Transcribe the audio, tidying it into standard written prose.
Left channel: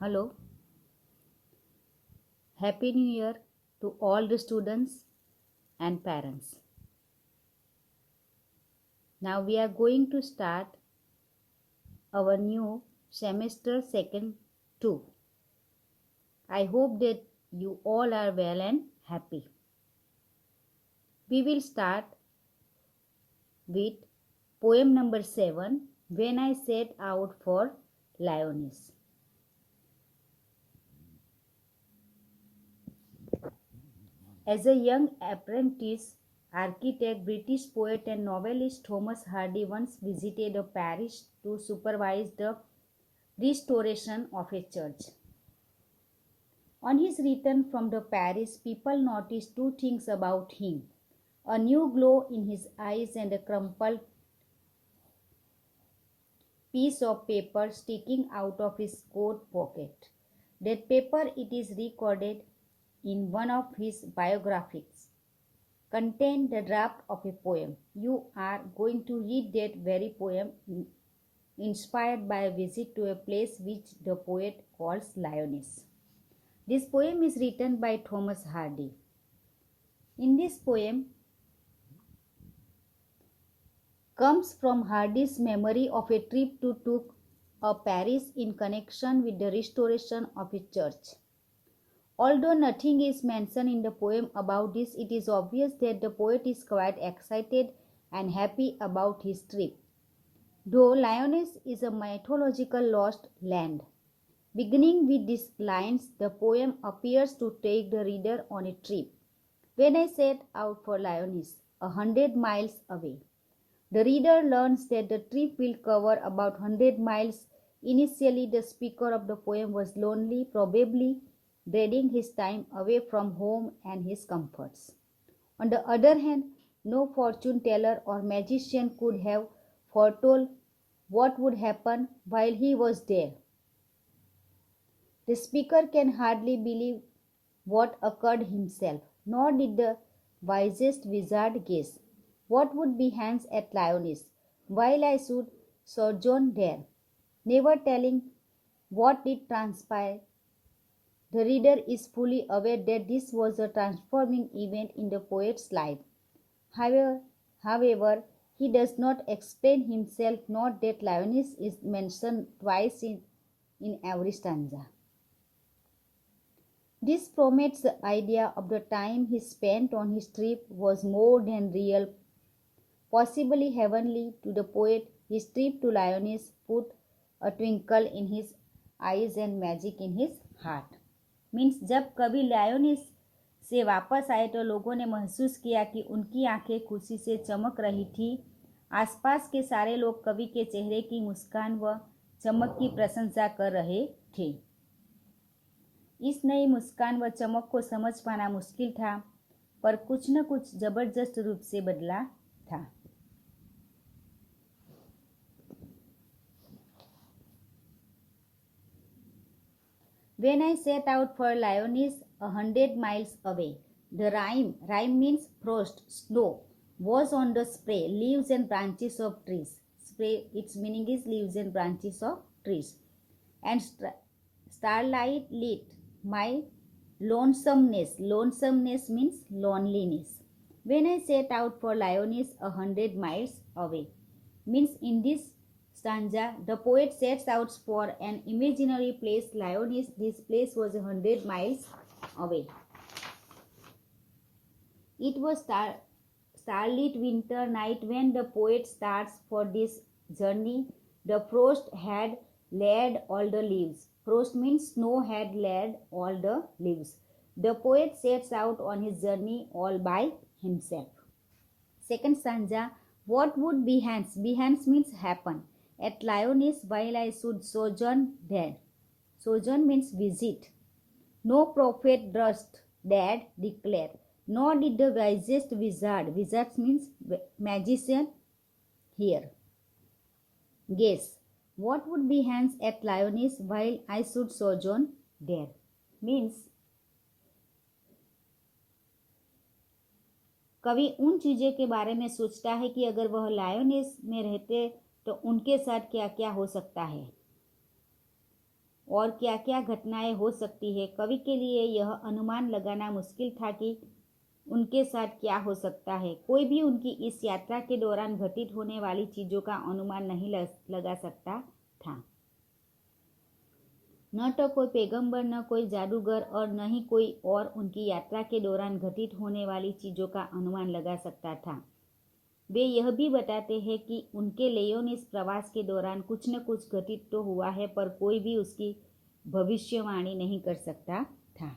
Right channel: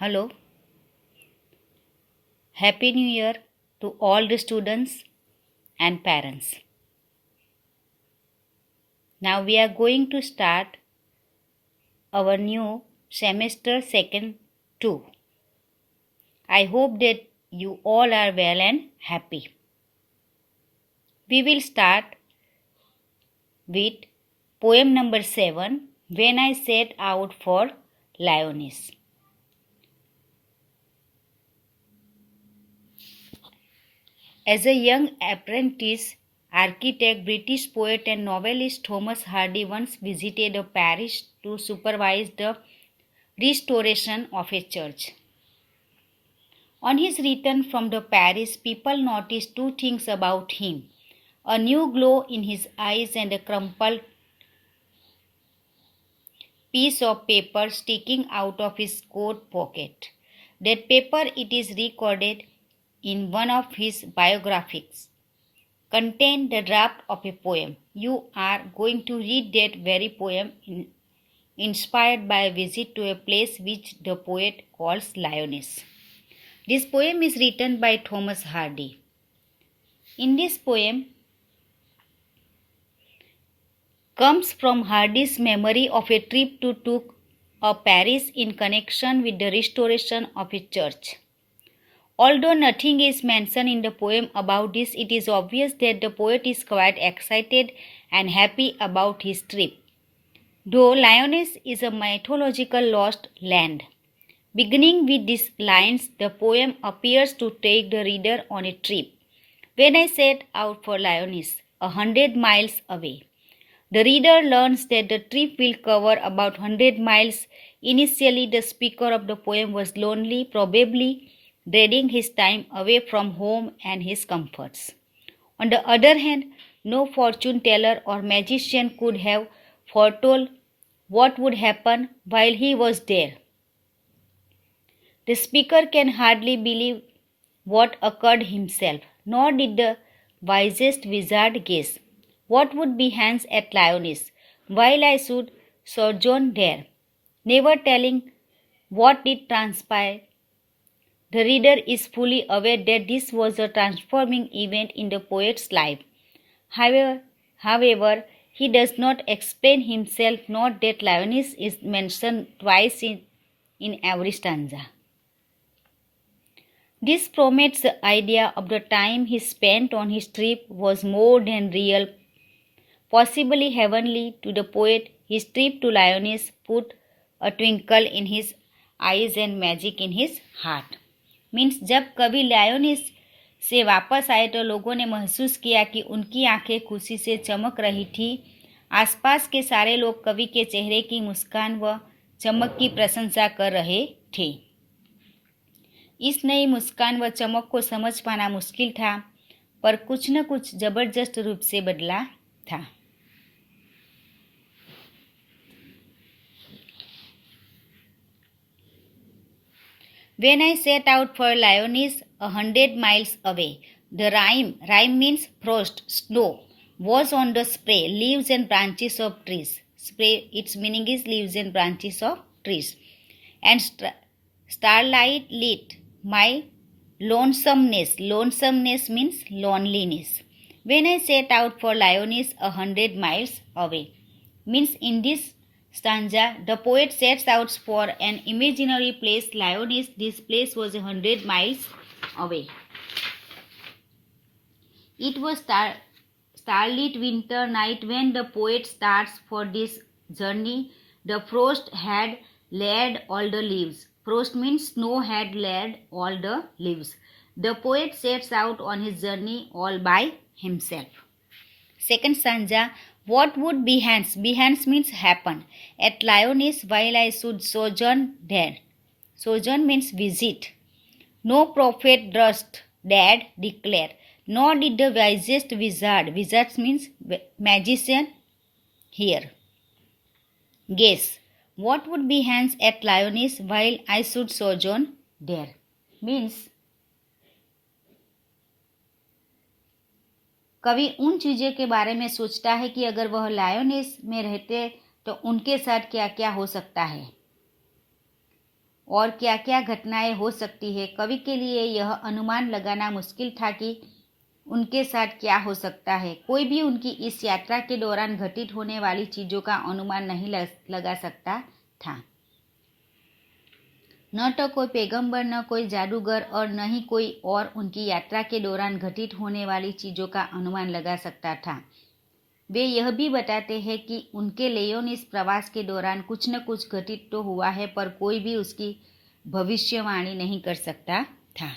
Hello, Happy New Year to all the students and parents. Now we are going to start our new semester second 2. I hope that you all are well and happy. We will start with poem number 7, When I Set Out for Lyoness. As a young apprentice architect, British poet and novelist Thomas Hardy once visited a parish to supervise the restoration of a church. On his return from the parish, people noticed two things about him: a new glow in his eyes and a crumpled piece of paper sticking out of his coat pocket. That paper, it is recorded in one of his biographies, contained the draft of a poem. You are going to read that very poem inspired by a visit to a place which the poet calls Lyoness. This poem is written by Thomas Hardy. In this poem comes from Hardy's memory of a trip to Paris in connection with the restoration of a church. Although nothing is mentioned in the poem about this, it is obvious that the poet is quite excited and happy about his trip. Though Lyoness is a mythological lost land. Beginning with these lines, the poem appears to take the reader on a trip. When I set out for Lyoness, 100 miles away. The reader learns that the trip will cover about 100 miles. Initially, the speaker of the poem was lonely, probably dreading his time away from home and his comforts. On the other hand, no fortune teller or magician could have foretold what would happen while he was there. The speaker can hardly believe what occurred himself, nor did the wisest wizard guess what would be Hans at Lyoness, while I should sojourn there, never telling what did transpire. The reader is fully aware that this was a transforming event in the poet's life. However, he does not explain himself, nor that Lyoness is mentioned twice in every stanza. This promotes the idea of the time he spent on his trip was more than real, possibly heavenly to the poet. His trip to Lyoness put a twinkle in his eyes and magic in his heart. Means जब कवि लायोनिस से वापस आए तो लोगों ने महसूस किया कि उनकी आंखें खुशी से चमक रही थी। आसपास के सारे लोग कवि के चेहरे की मुस्कान व चमक की प्रशंसा कर रहे थे। इस नई मुस्कान व चमक को समझ पाना मुश्किल था, पर कुछ न कुछ जबरदस्त रूप से बदला था। When I set out for Lyoness, 100 miles away, the rime means frost, snow, was on the spray, leaves and branches of trees. Spray, its meaning is leaves and branches of trees. And starlight lit my lonesomeness. Lonesomeness means loneliness. When I set out for Lyoness, 100 miles away, means in this stanza, the poet sets out for an imaginary place, Lyoness. This place was 100 miles away. It was starlit winter night when the poet starts for this journey. The frost had laid all the leaves. Frost means snow had laid all the leaves. The poet sets out on his journey all by himself. Second stanza, what would Behance? Behance means happen. At Lyoness, while I should sojourn there. Sojourn means visit. No prophet durst dared declare, nor did the wisest wizard. Wizard means magician here. Guess. What would Behance at Lyoness while I should sojourn there? Means कवि उन चीज़ों के बारे में सोचता है कि अगर वह लायोनेस में रहते तो उनके साथ क्या क्या हो सकता है। और क्या क्या घटनाएं हो सकती है। कवि के लिए यह अनुमान लगाना मुश्किल था कि उनके साथ क्या हो सकता है। कोई भी उनकी इस यात्रा के दौरान घटित होने वाली चीज़ों का अनुमान नहीं लगा सकता था। न तो कोई पैगंबर, न कोई जादूगर और न ही कोई और उनकी यात्रा के दौरान घटित होने वाली चीज़ों का अनुमान लगा सकता था। वे यह भी बताते हैं कि उनके लियोन इस प्रवास के दौरान कुछ न कुछ घटित तो हुआ है, पर कोई भी उसकी भविष्यवाणी नहीं कर सकता था।